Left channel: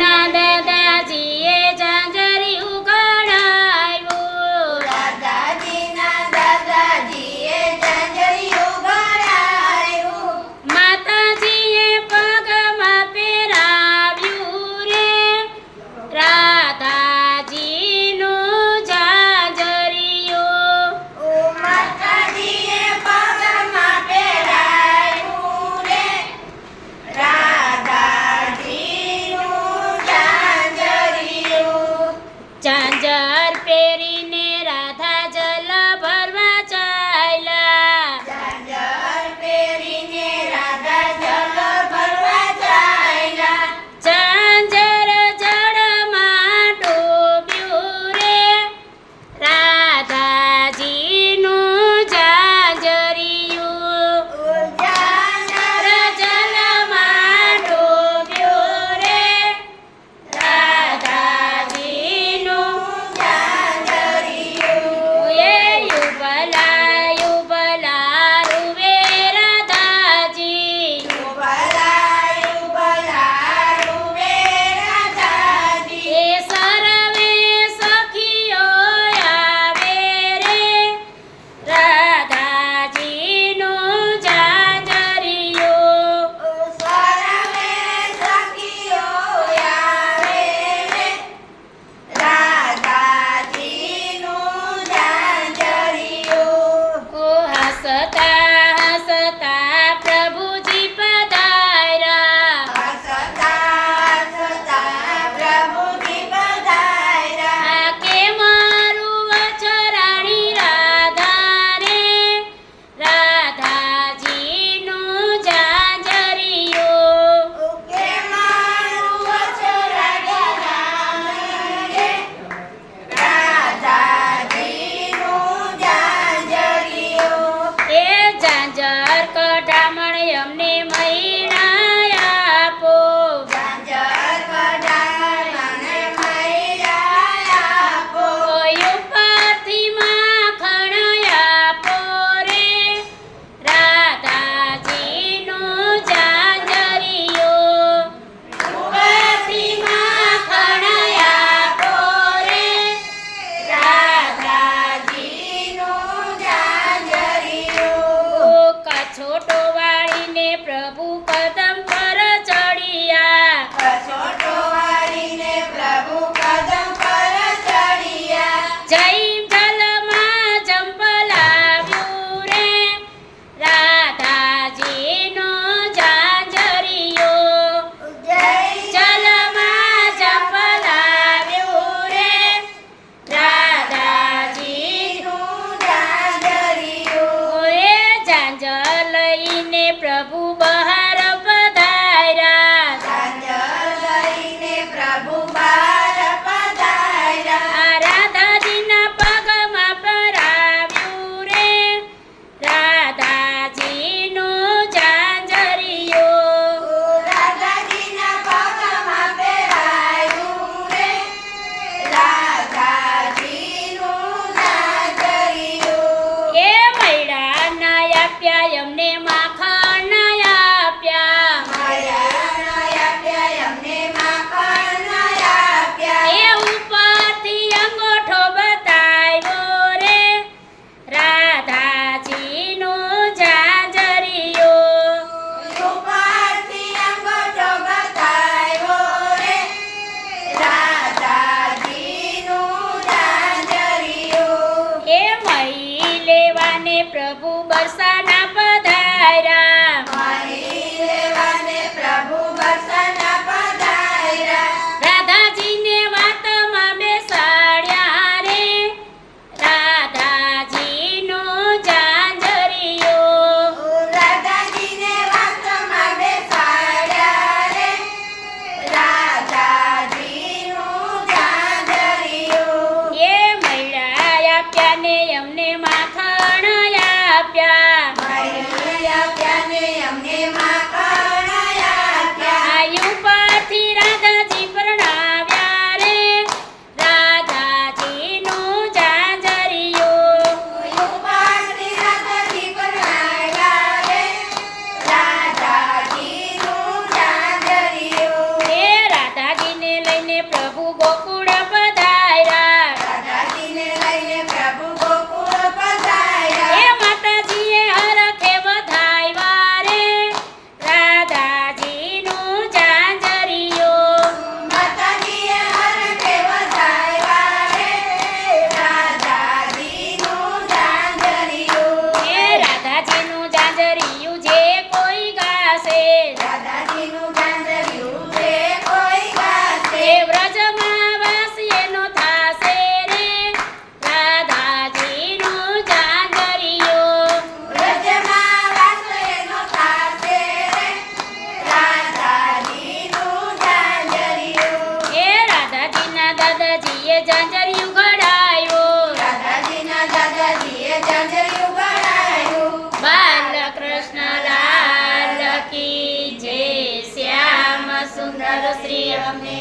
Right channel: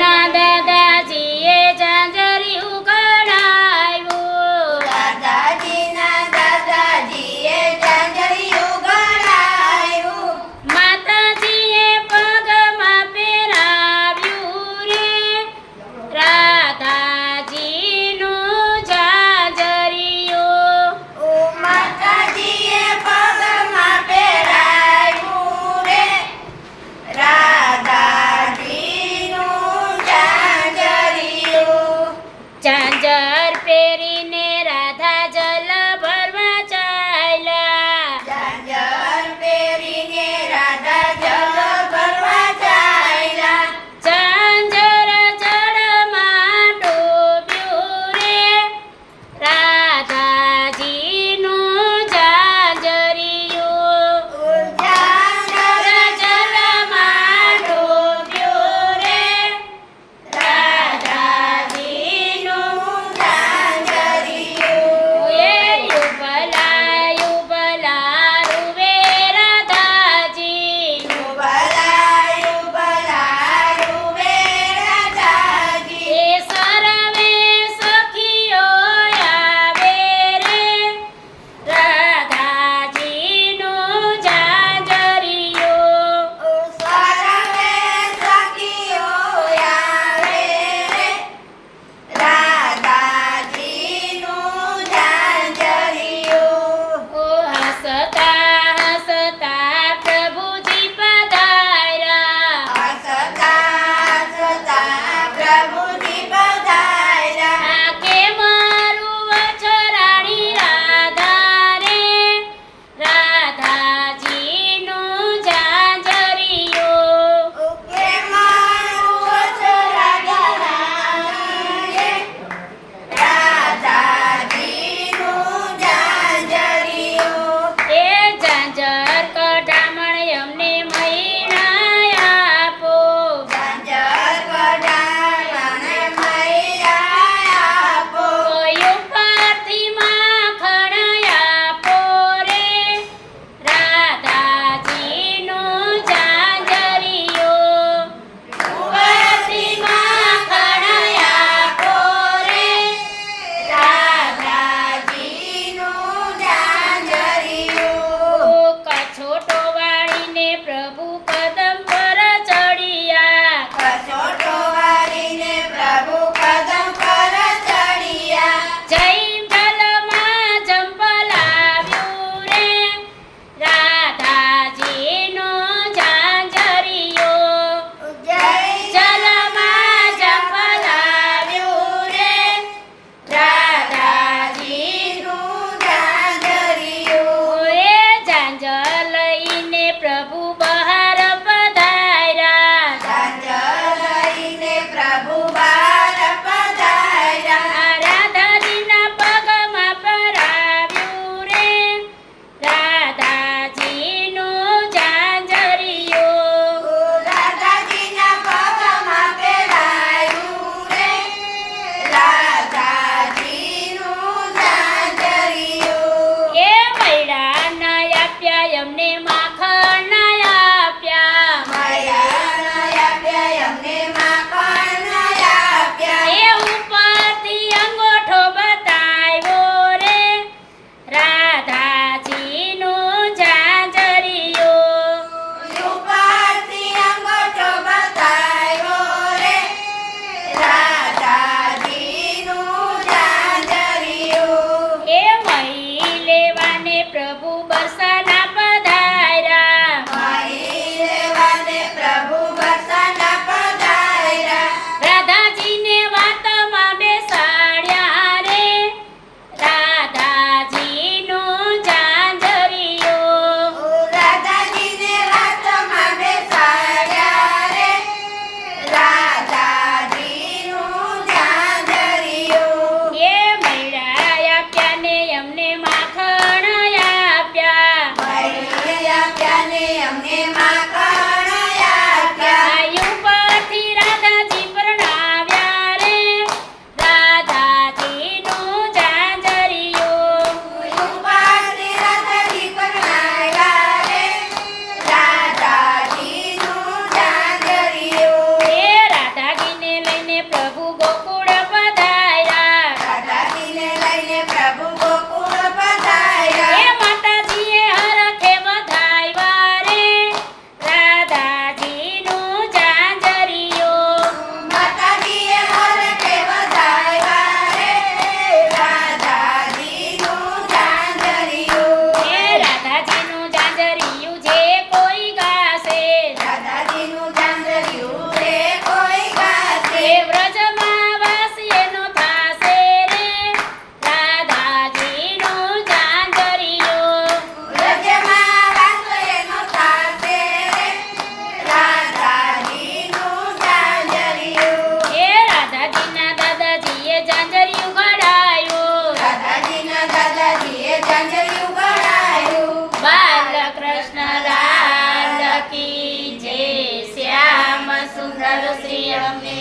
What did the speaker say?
nada ઝાંઝર પહેરીને રાધા જલ side. cabo श्रियवन्ने